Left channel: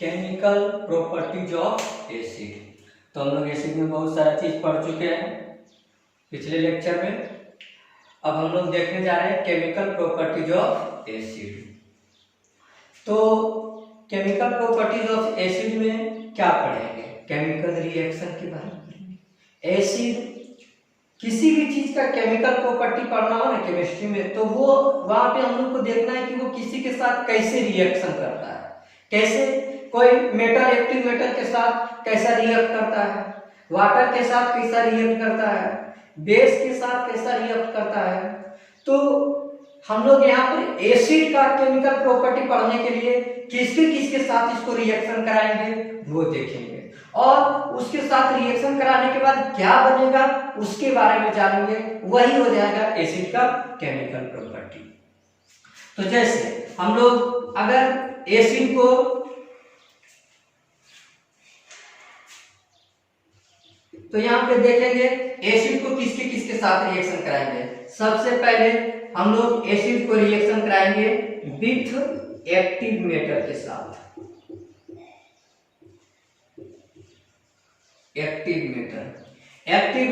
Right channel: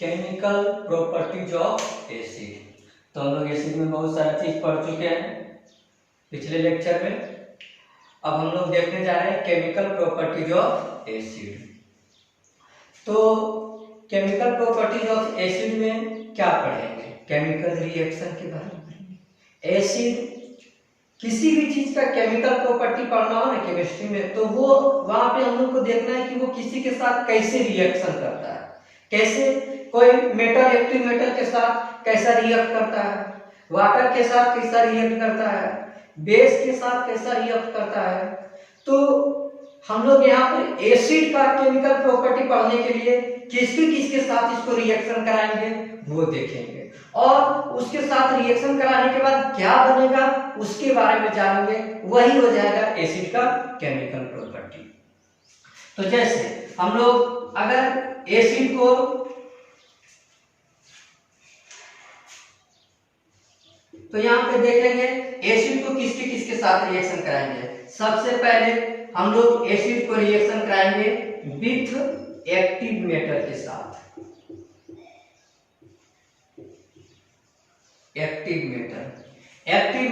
Chemical properties of acid. तो हम लोग एसिड में बहुत सारा चीज पढ़ चुके हैं पिछले लेक्चर में। अब हम लोग देखने जा रहे हैं केमिकल प्रॉपर्टीज ऑफ एसिड। तो केमिकल प्रॉपर्टीज ऑफ एसिड में क्या पढ़ेंगे? केमिकल रिएक्शन के बारे में पढ़ेंगे। एसिड किसी भी चीज का केमिकल प्रॉपर्टी पढ़ना हो ना केमिस्ट्री में, तो वो वहां पे हम लोग को देखना है कि वो किसी के साथ कैसे रिएक्शन करता है। कैसे कोई मेटल एक्टिव मेटल के साथ कैसा रिएक्ट करता है, वाटर के साथ कैसा रिएक्ट करता है, बेस के साथ कैसा रिएक्ट करता है। तो हम लोग यहाँ पर एसिड का केमिकल प्रॉपर्टी पढ़ने के लिए किसके साथ इसको रिएक्शन कराएंगे वो देखेंगे, और उसके साथ रिएक्शन कराने के बाद क्या बनेगा उसके बारे में जानेंगे। वही हो जाएगा एसिड का केमिकल प्रॉपर्टी। तो जैसे हम लोग अगर एसिड को तो यहाँ पे देखेंगे एसिड को किसके साथ रिएक्शन कराएंगे। सबसे पहले हम लोग एसिड को रिएक्शन कराएंगे विथ एक्टिव मेटल के साथ। एक्टिव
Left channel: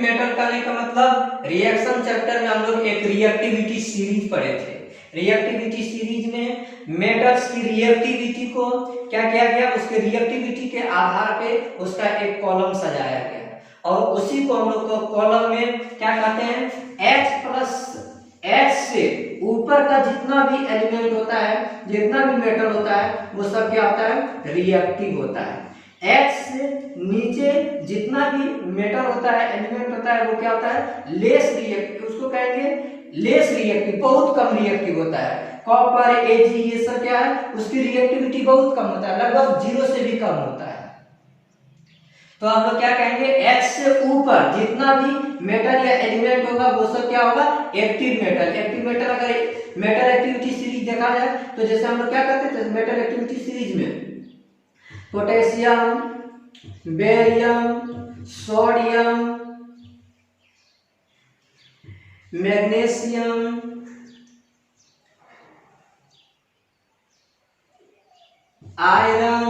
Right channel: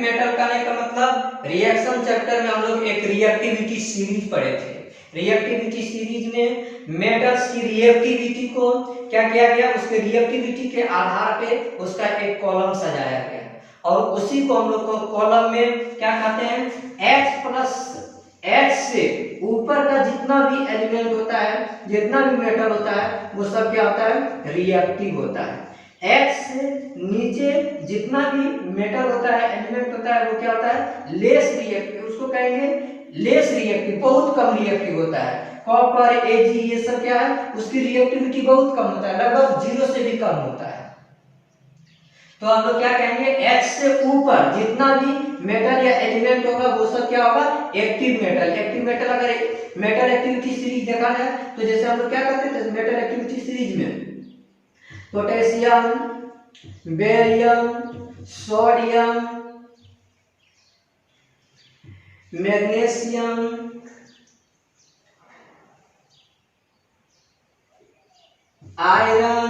मेटल कहने का मतलब रिएक्शन चैप्टर में हम लोग एक रिएक्टिविटी सीरीज पढ़े थे। रिएक्टिविटी सीरीज में मेटल्स की रिएक्टिविटी को क्या किया गया, उसके रिएक्टिविटी के आधार पे उसका एक कॉलम सजाया गया, और उसी को हम लोग को कॉलम में क्या कहते हैं, H प्लस H से ऊपर का जितना भी एलिमेंट होता है, जितना भी मेटल होता है, वो सब क्या होता है, रिएक्टिव होता है। H से नीचे जितना भी मेटल होता है, एलिमेंट होता है, वो क्या होता है, लेस रिएक्टिव। उसको कहेंगे लेस रिएक्टिव, बहुत कम रिएक्टिव होता है। कॉपर, Ag ये सब क्या है, उसकी रिएक्टिविटी बहुत कम होता है, लगभग 0 से भी कम होता है। तो हम लोग क्या कहेंगे, H से ऊपर जितना भी मेटल या एलिमेंट होगा वो सब क्या होगा, एक्टिव मेटल। एक्टिव मेटल अगर मेटल एक्टिविटी सीरीज देखा जाए तो जैसे हम लोग क्या करते थे मेटल एक्टिविटी सीरीज में, potassium, barium, sodium, magnesium, iron,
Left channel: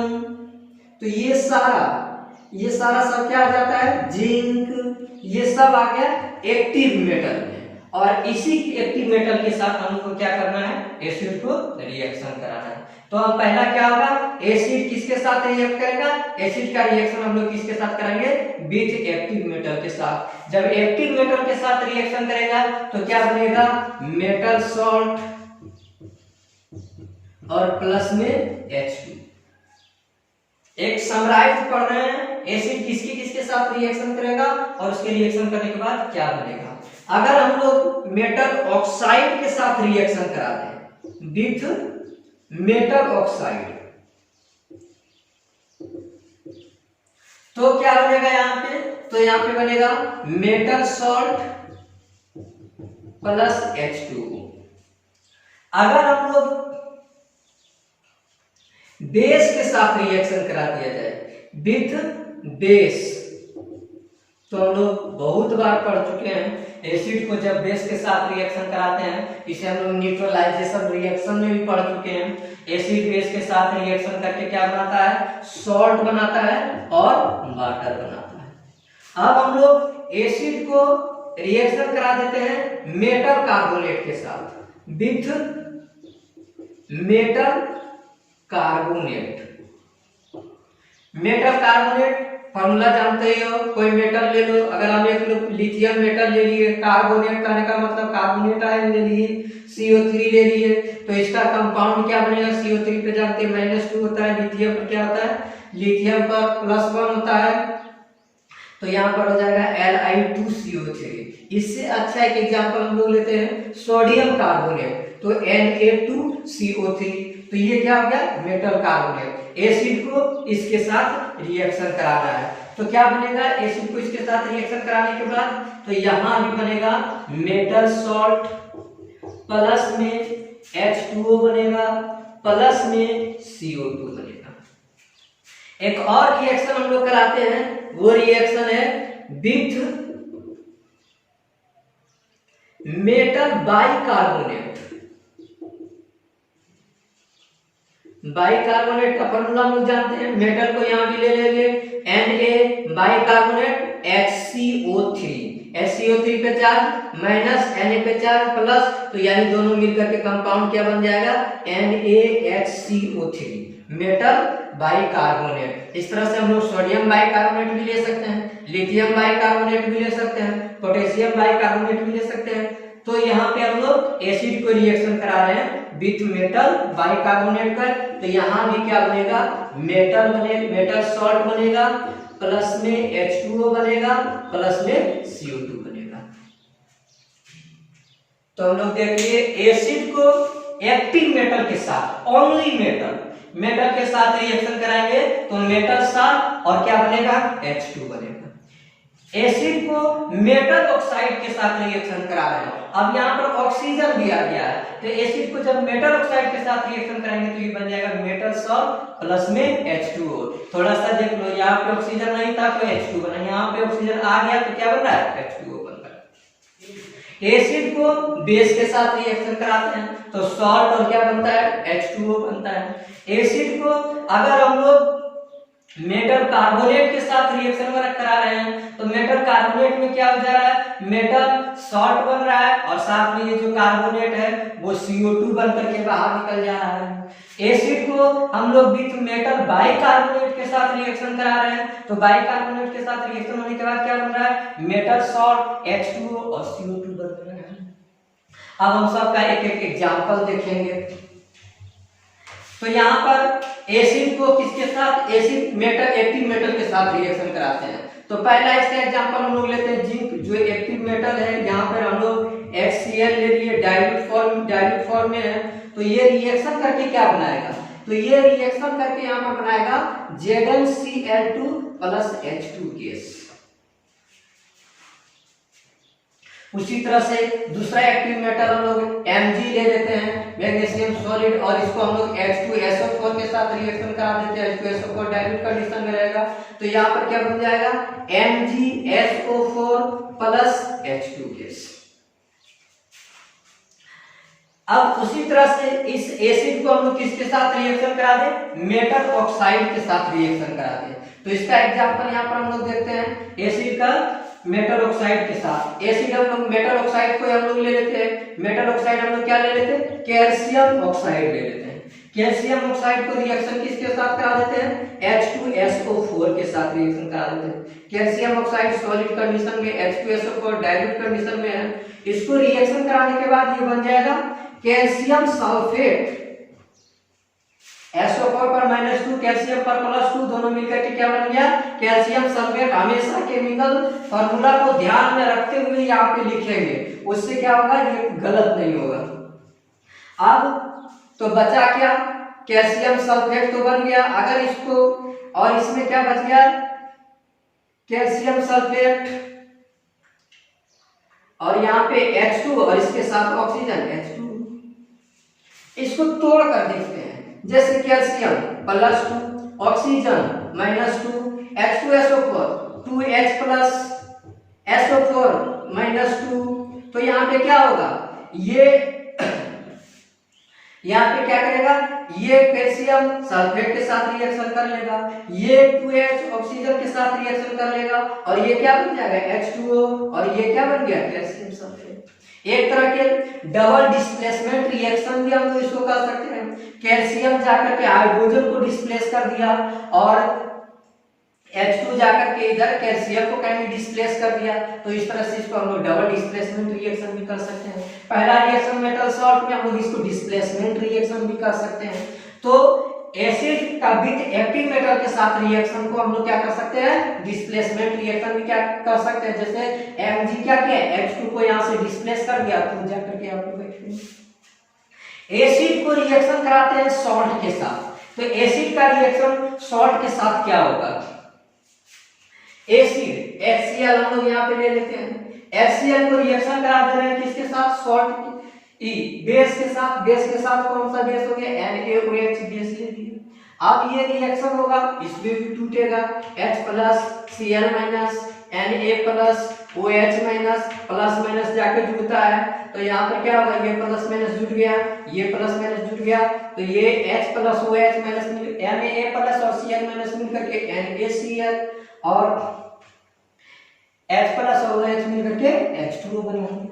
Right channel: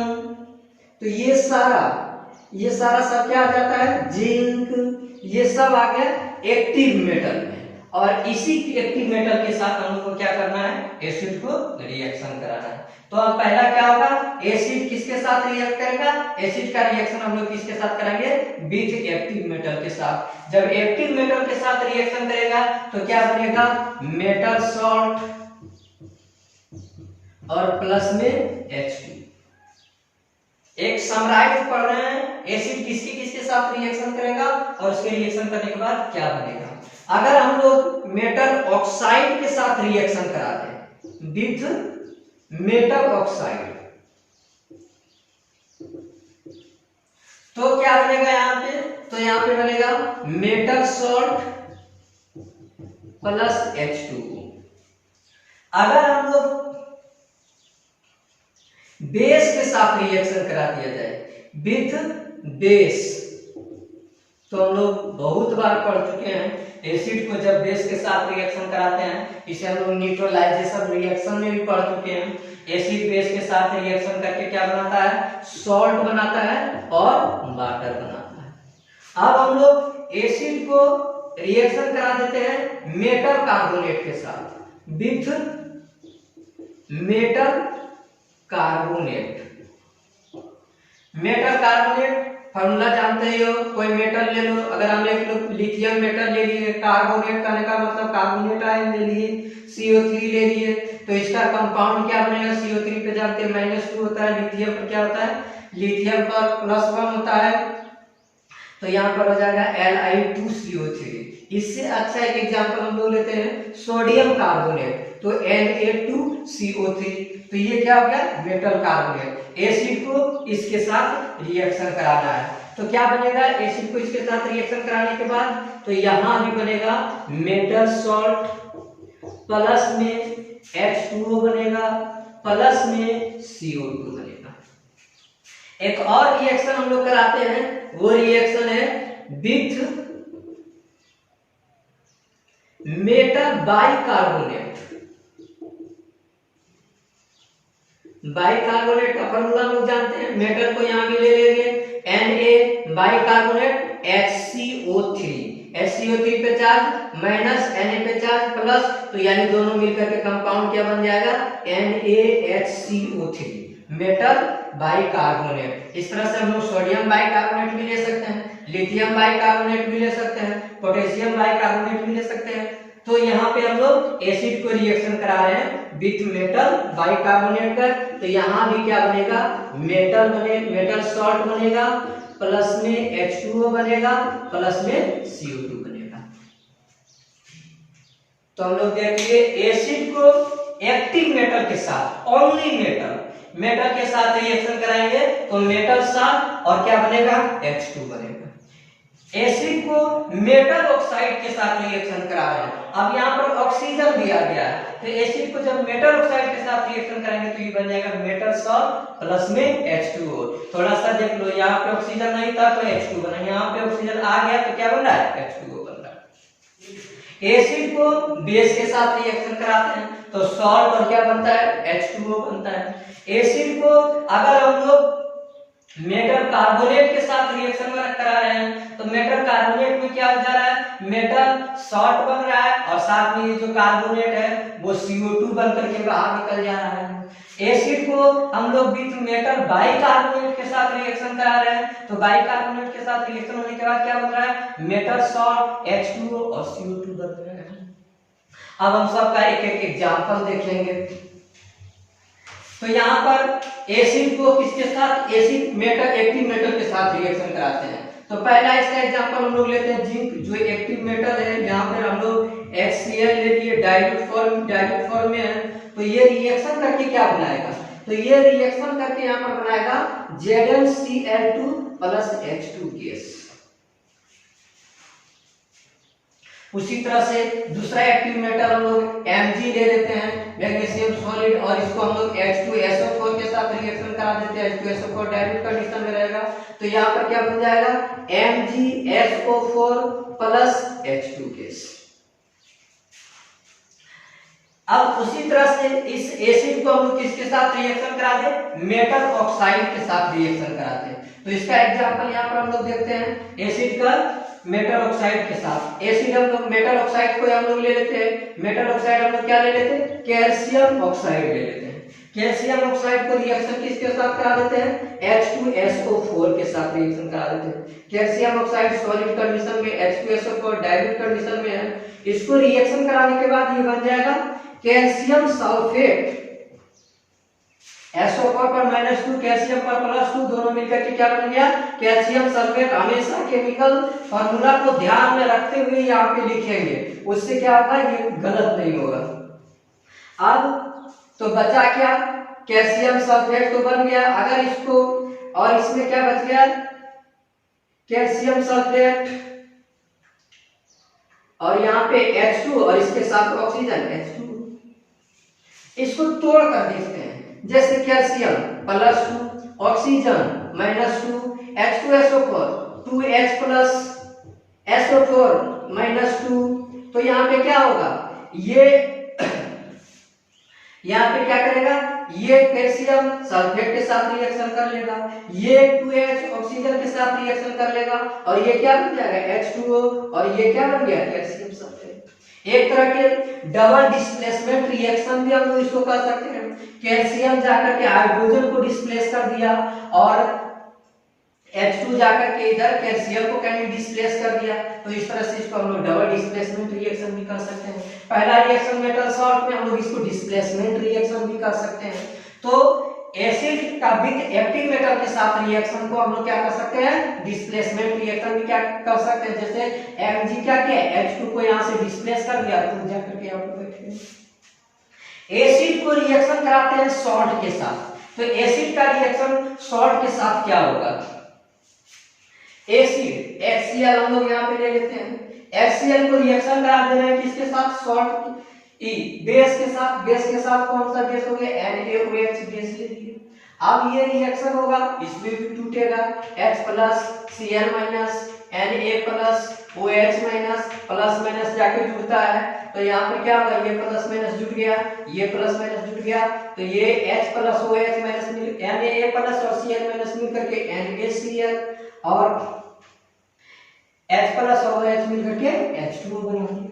तो ये सारा सब क्या आ जाता है, जिंक, ये सब आ गया एक्टिव मेटल में। और इसी एक्टिव मेटल के साथ हम लोग को क्या करना है, एसिड को रिएक्शन कराना है। तो अब पहला क्या होगा, एसिड किसके साथ रिएक्ट करेगा, एसिड का रिएक्शन हम लोग किसके साथ करेंगे, विथ एक्टिव मेटल के साथ। जब एक्टिव मेटल के साथ रिएक्शन करेगा तो क्या बनेगा, मेटल सॉल्ट और प्लस में H2। एक समराइज पढ़ रहे हैं, एसिड किसके साथ रिएक्शन करेगा और उसके रिएक्शन करने के बाद क्या बनेगा। अगर हम लोग मेटल ऑक्साइड के साथ रिएक्शन कराते हैं विथ मेटल ऑक्साइड, तो क्या बनेगा यहाँ पे, तो यहाँ पे बनेगा मेटल सॉल्ट प्लस H2O। अगर हम लोग बेस के साथ रिएक्शन करा दिया जाए विथ बेस, तो हम लोग बहुत बार पढ़ चुके हैं एसिड को जब बेस के साथ रिएक्शन कराते हैं, इसे हम लोग न्यूट्रलाइजेशन रिएक्शन में भी पढ़ चुके हैं। एसिड बेस के साथ रिएक्शन करके क्या बनाता है, सॉल्ट बनाता है और वाटर बनाता है। अब हम लोग एसिड को रिएक्शन करा देते हैं मेटल कार्बोनेट के साथ with metal carbonate. Metal carbonate formula जानते ही हो, कोई मेटल ले लो, अगर हम एक लोग लिथियम मेटल ले लिए, कार्बोनेट करने का मतलब कार्बोनेट आयन ले लिए, CO3 ले लिए, तो इसका कंपाउंड क्या बनेगा, CO3 पे जानते हैं -2 होता है, लिथियम पर क्या होता है, लिथियम पर +1 होता है, तो यहाँ पर हो जाएगा Li2CO3। इससे अच्छा एक एग्जांपल हम लोग लेते हैं सोडियम कार्बोनेट, तो Na2CO3, तो ये क्या हो गया, मेटल कार्बोनेट। एसिड को इसके साथ रिएक्शन कराना है, तो क्या बनेगा, एसिड को इसके साथ रिएक्शन कराने के बाद तो यहां भी बनेगा मेटल सॉल्ट प्लस में H2O बनेगा प्लस में CO2 बनेगा। एक और रिएक्शन हम लोग कराते हैं, वो रिएक्शन है विथ मेटल बाइकार्बोनेट। बाइकार्बोनेट का फॉर्मूला हम लोग जानते हैं, मेटल को यहाँ भी ले लेंगे Na बाइकार्बोनेट HCO3, HCO3 पे चार्ज माइनस Na पे चार्ज प्लस, तो यानी दोनों मिलकर के कंपाउंड क्या बन जाएगा NaHCO3 मेटल बाइकार्बोनेट। इस तरह से हम लोग सोडियम बाइकार्बोनेट भी ले सकते हैं, लिथियम बाइकार्बोनेट भी ले सकते हैं, पोटेशियम बाइकार्बोनेट भी ले सकते हैं। तो यहाँ पे हम लोग एसिड को रिएक्शन करा रहे हैं विथ मेटल बाइकार्बोनेट का, तो यहाँ भी क्या बनेगा मेटल सॉल्ट बनेगा, प्लस में H2O बनेगा, प्लस में CO2 बनेगा। तो हम लोग देखिए एसिड को एक्टिव मेटल के साथ, ओनली मेटल के साथ रिएक्शन कराएंगे तो मेटल साथ और क्या बनेगा H2 बनेगा। एसिड को मेटल ऑक्साइड के साथ रिएक्शन करा रहे हैं, अब यहाँ पर ऑक्सीजन दिया गया है, तो एसिड को जब मेटल ऑक्साइड के साथ रिएक्शन करेंगे तो ये बन जाएगा मेटल सॉल्ट प्लस में H2O। थोड़ा सा देख लो, यहाँ पे ऑक्सीजन नहीं था तो H2 बना, यहाँ पे ऑक्सीजन आ गया तो क्या बन रहा है H2O बन रहा है। एसिड को बेस के साथ रिएक्शन कराते हैं तो सॉल्ट और क्या बनता है H2O बनता है। एसिड को अगर हम लोग मेटल कार्बोनेट के साथ रिएक्शन करा रहे हैं तो मेटल कार्बोनेट में क्या हो जा रहा है मेटल सॉल्ट बन रहा है और साथ में ये जो कार्बोनेट है वो CO2 बन करके बाहर निकल जा रहा है। एसिड को हम लोग विथ मेटल बाइकार्बोनेट के साथ रिएक्शन करा रहे हैं तो बाइकार्बोनेट के साथ रिएक्शन होने के बाद क्या बन रहा है मेटल सॉल्ट H2O और CO2 बन रहा है। अब हम सबका एक एक एग्जांपल देखेंगे। तो यहाँ पर एसिड को किसके साथ एसिड मेटल एक्टिव मेटल के साथ रिएक्शन कराते हैं। तो पहला इसका एग्जांपल हम लोग लेते हैं जिंक, जो एक्टिव मेटल है, यहाँ पर हम लोग HCl ले लिए, डाइल्यूट फॉर्म में है, तो ये रिएक्शन करके क्या बनाएगा, तो ये रिएक्शन करके यहाँ पर बनाएगा ZnCl2 प्लस H2 गैस। उसी तरह से दूसरा एक्टिव मेटल हम लोग Mg ले लेते हैं, मैग्नीशियम सॉलिड, और इसको हम लोग H2SO4 के साथ रिएक्शन करा देते हैं, H2SO4 डाइल्यूट कंडीशन में रहेगा, तो यहाँ पर क्या बन जाएगा MgSO4 प्लस H2 गैस। अब उसी तरह से इस एसिड को हम लोग किसके साथ रिएक्शन करा दे मेटल ऑक्साइड के साथ रिएक्शन कराते हैं। तो इसका एग्जांपल यहाँ पर हम लोग देखते हैं एसिड का मेटल ऑक्साइड के साथ। एसिड हम लोग मेटल ऑक्साइड को हम लोग ले लेते हैं, मेटल ऑक्साइड हम लोग क्या ले लेते हैं कैल्शियम ऑक्साइड ले लेते हैं। कैल्शियम ऑक्साइड को रिएक्शन किसके साथ करा देते हैं H2SO4 के साथ रिएक्शन करा देते हैं। कैल्शियम ऑक्साइड सॉलिड कंडीशन में, H2SO4 डाइल्यूट कंडीशन में है, इसको रिएक्शन कराने के बाद ये बन जाएगा कैल्शियम सल्फेट, SO4 पर -2 कैल्शियम पर +2 दोनों मिलकर के क्या बन गया कैल्शियम सल्फेट। हमेशा केमिकल फार्मूला को ध्यान में रखते हुए यहाँ पे लिखेंगे, उससे क्या होगा ये गलत नहीं होगा। अब तो बचा क्या कैल्शियम सल्फेट तो बन गया, अगर इसको और इसमें क्या बच गया कैल्शियम सल्फेट और यहाँ पे H2 और इसके साथ ऑक्सीजन H2, इसको तोड़ कर देखते हैं, जैसे calcium +2 oxygen -2 H2SO4 2H plus SO4 -2, तो यहाँ पे क्या होगा ये यहाँ पे क्या करेगा ये कैल्शियम सल्फेट के साथ रिएक्शन कर लेगा, ये 2H ऑक्सीजन के साथ रिएक्शन कर लेगा और ये क्या बन जाएगा H2O और ये क्या बन गया कैल्शियम सल्फेट। एक तरह के डबल डिस्प्लेसमेंट रिएक्शन भी हम लोग इसको कर सकते हैं। कैल्शियम जाकर के हाइड्रोजन को डिस्प्लेस कर दिया और H2 जाकर के इधर कैल्शियम को कहीं डिस्प्लेस कर दिया, तो इस तरह से इसको हम लोग डबल डिस्प्लेसमेंट रिएक्शन भी कर सकते हैं। पहला रिएक्शन मेटल सॉल्ट में हम लोग इसको डिस्प्लेसमेंट रिएक्शन भी कर सकते हैं। तो एसिड का विद एक्टिव मेटल के साथ रिएक्शन को हम लोग क्या कर सकते हैं डिस्प्लेसमेंट रिएक्शन भी क्या कर सकते हैं, जैसे Mg क्या किया H2 को यहाँ से डिस्प्लेस कर दिया, तो जाकर के आप लोग देखेंगे। एसिड को रिएक्शन कराते हैं सॉल्ट के साथ, तो एसिड का रिएक्शन सॉल्ट के साथ क्या होगा एसिड HCl हम लोग यहाँ पे ले लेते हैं, HCl को रिएक्शन करा दे रहे हैं किसके साथ सॉल्ट बेस के साथ। बेस के साथ कौन सा बेस हो गया NaOH बेस ले लिए। अब ये रिएक्शन होगा इसमें भी टूटेगा H plus Cl minus Na plus OH minus plus minus जाके जुड़ता है, तो यहाँ पर क्या होगा, ये प्लस माइनस जुड़ गया, ये प्लस माइनस जुड़ गया, तो ये H plus OH minus Na plus और Cl माइनस मिल करके NaCl और H प्लस और OH मिल करके H2O बनाएंगे।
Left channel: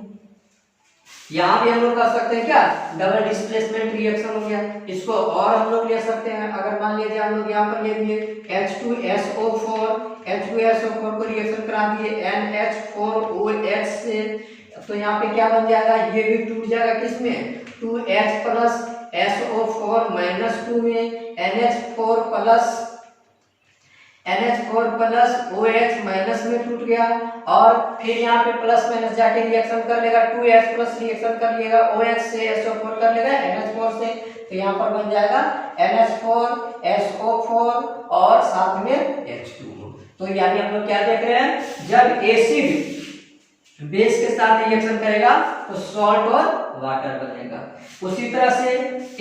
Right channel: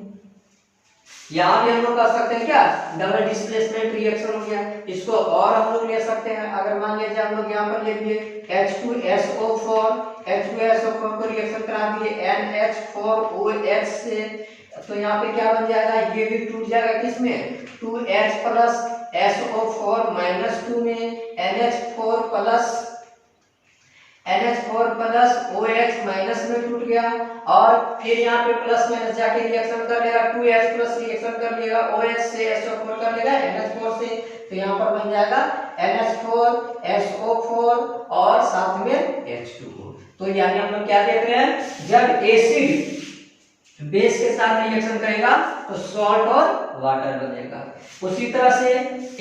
यहाँ भी हम लोग कर सकते हैं क्या, डबल डिस्प्लेसमेंट रिएक्शन हो गया। इसको और हम लोग ले सकते हैं, अगर मान लीजिए हम लोग यहाँ पर ले लिए H2SO4 को रिएक्शन करा दिए NH4OH से, तो यहाँ पे क्या बन जाएगा, ये भी टूट जाएगा किसमें, 2H प्लस SO4 माइनस 2 में NH4 प्लस OH माइनस में टूट गया, और फिर यहाँ पे प्लस माइनस जाके रिएक्शन कर लेगा, 2H प्लस रिएक्शन कर लेगा OH से SO4 कर लेगा NH4 से, तो यहाँ पर बन जाएगा NH4 SO4 और साथ में H2O। तो यानी हम लोग क्या देख रहे हैं, जब एसिड बेस के साथ रिएक्शन करेगा तो सॉल्ट और वाटर बनेगा। उसी तरह से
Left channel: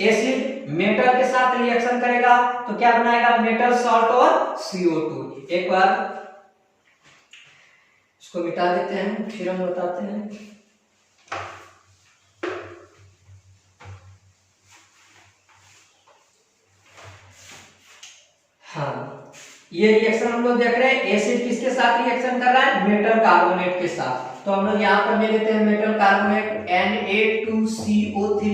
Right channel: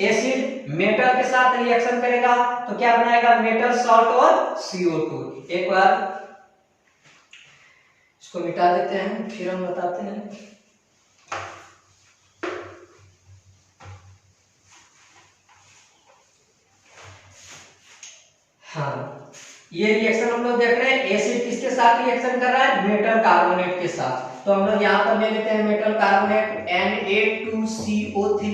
एसिड मेटल के साथ रिएक्शन करेगा तो क्या बनाएगा, मेटल सॉल्ट और CO2। एक बार इसको मिटा देते हैं, फिर हम बताते हैं। हाँ, ये रिएक्शन हम लोग देख रहे हैं, एसिड किसके साथ रिएक्शन कर रहा है, मेटल कार्बोनेट के साथ। तो हम लोग यहाँ पर ले लेते हैं मेटल कार्बोनेट Na2CO3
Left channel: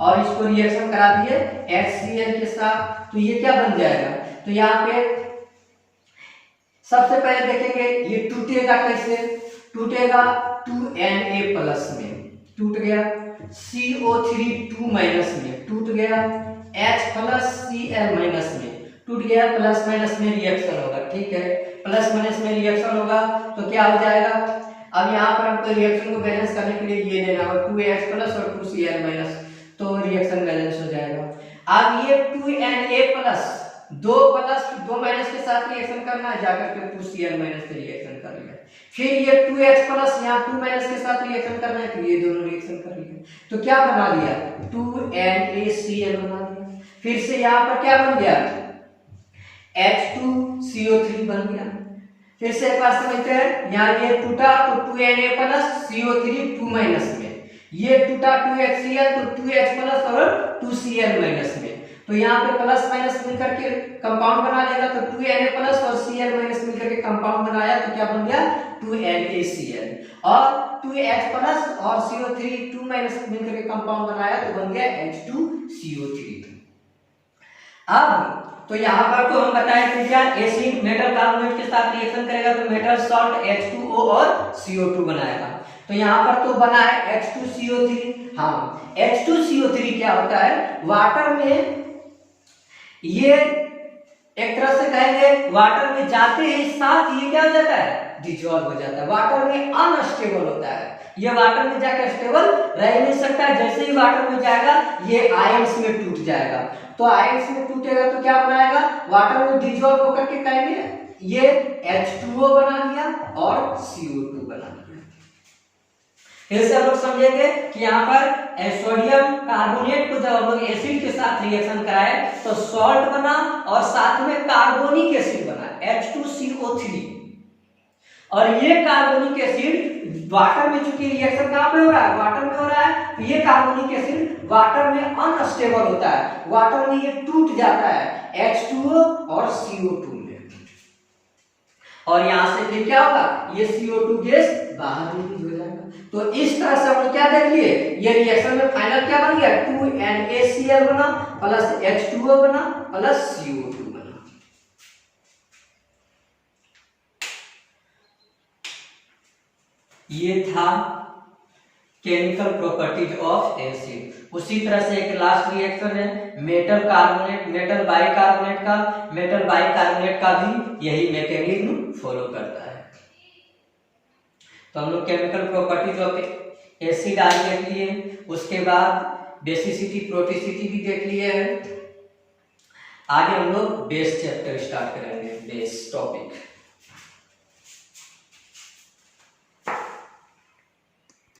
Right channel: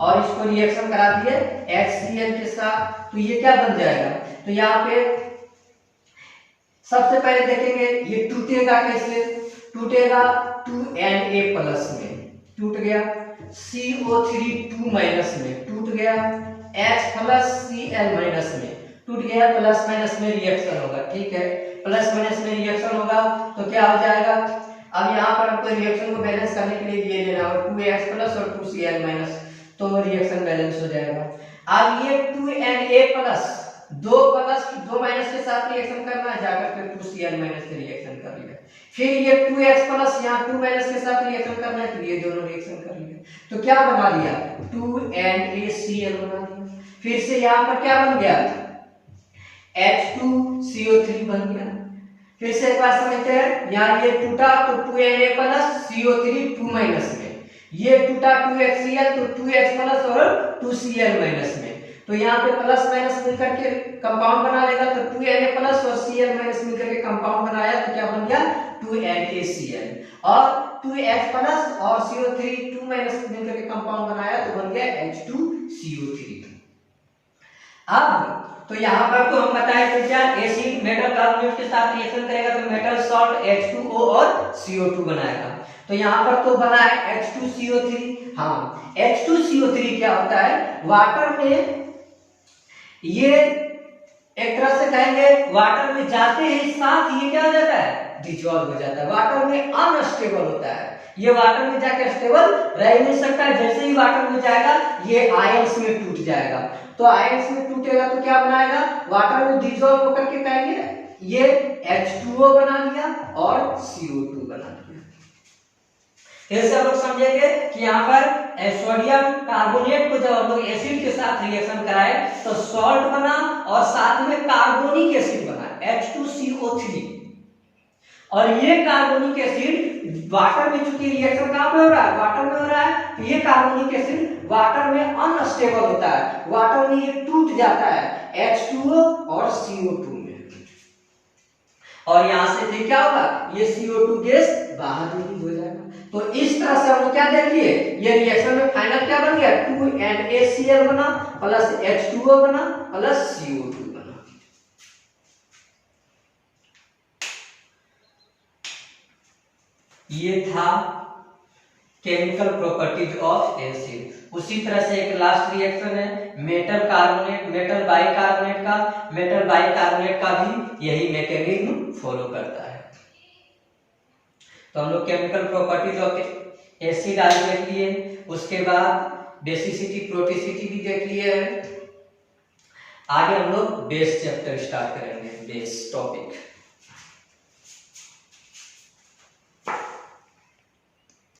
और इसको रिएक्शन करा दिए HCl के साथ, तो ये क्या बन जाएगा, तो यहाँ पे सबसे पहले देखेंगे ये टूटेगा कैसे, टूटेगा 2Na प्लस में टूट गया, CO3 2 माइनस में टूट गया, H प्लस Cl माइनस में टूट गया, प्लस माइनस में रिएक्शन होगा, ठीक है, प्लस माइनस में रिएक्शन होगा तो क्या हो जाएगा, अब यहाँ पर हमको रिएक्शन को बैलेंस करने के लिए ये लेना होगा 2H प्लस और 2Cl माइनस, तो रिएक्शन बैलेंस हो जाएगा। अब ये 2Na प्लस 2 माइनस के साथ रिएक्शन करना है, जाकर के 2Cl माइनस से रिएक्शन कर लिया, फिर ये 2H प्लस यहाँ 2 माइनस के साथ रिएक्शन करना है, तो ये दोनों रिएक्शन कर लिए, तो क्या बना लिया 2NaCl बना दिया, फिर से यहाँ पर क्या बन गया H2CO3 बन गया। फिर से एक बार समझते हैं, यहाँ ये टूटा तो 2Na प्लस CO3 2 माइनस में, ये टूटा 2HCl तो 2H प्लस और 2Cl माइनस में, तो यहाँ पे प्लस माइनस मिलकर के कंपाउंड बना लेगा, तो 2Na प्लस और Cl माइनस मिलकर के कंपाउंड बनाया तो क्या बन गया 2NaCl, और 2H प्लस और CO3 2 माइनस मिलकर के कंपाउंड बनाया तो बन गया H2CO3। अब तो यहाँ पर तो हम बताएं कि क्या एसिड मेटल कार्बोनेट के साथ रिएक्शन करेगा तो मेटल सॉल्ट H2O और CO2 बनाएगा, तो यहाँ पर तो बना है H2CO3। हाँ, H2CO3 क्या होता है, वाटर में ये एक तरह से कहेंगे वाटर में जाते ही साथ ये क्या हो जाता है, डिसॉल्व हो जाता है, वाटर में अनस्टेबल होता है, ये वाटर में जाकर स्टेबल रह नहीं सकता, जैसे ही वाटर में जाएगा ये आयंस में टूट जाएगा, तो आयंस में टूटेगा तो क्या बनाएगा, वाटर में डिसॉल्व होकर के कहेंगे ये H2O बना दिया और CO2 बना दिया। फिर से हम लोग समझेंगे कि यहाँ पर सोडियम कार्बोनेट को जब हम लोग एसिड के साथ रिएक्शन कराए तो सॉल्ट बना और साथ में कार्बोनिक एसिड बना H2CO3, और ये कार्बोनिक एसिड वाटर में चूंकि रिएक्शन कहाँ पे हो रहा है, वाटर में हो रहा है, तो ये कार्बोनिक एसिड वाटर में अनस्टेबल होता है, वाटर में ये टूट जाता है H2O और CO2 में, और यहाँ से फिर क्या होगा, ये CO2 गैस बाहर रिलीज हो जाएगा। तो इस तरह से हम लोग क्या देख लिए, ये रिएक्शन में फाइनल क्या बन गया 2NaCl बना प्लस H2O बना प्लस CO2 बना। ये था केमिकल प्रॉपर्टीज ऑफ एसिड। उसी तरह से एक लास्ट रिएक्शन है मेटल कार्बोनेट मेटल बाइकार्बोनेट का भी यही मैकेनिज्म फॉलो करता है। तो हम लोग केमिकल प्रॉपर्टीज ऑफ एसिड आज देख लिए, उसके बाद बेसिसिटी प्रोटिसिटी भी देख लिए। आगे हम लोग बेस चैप्टर स्टार्ट करेंगे, बेस टॉपिक।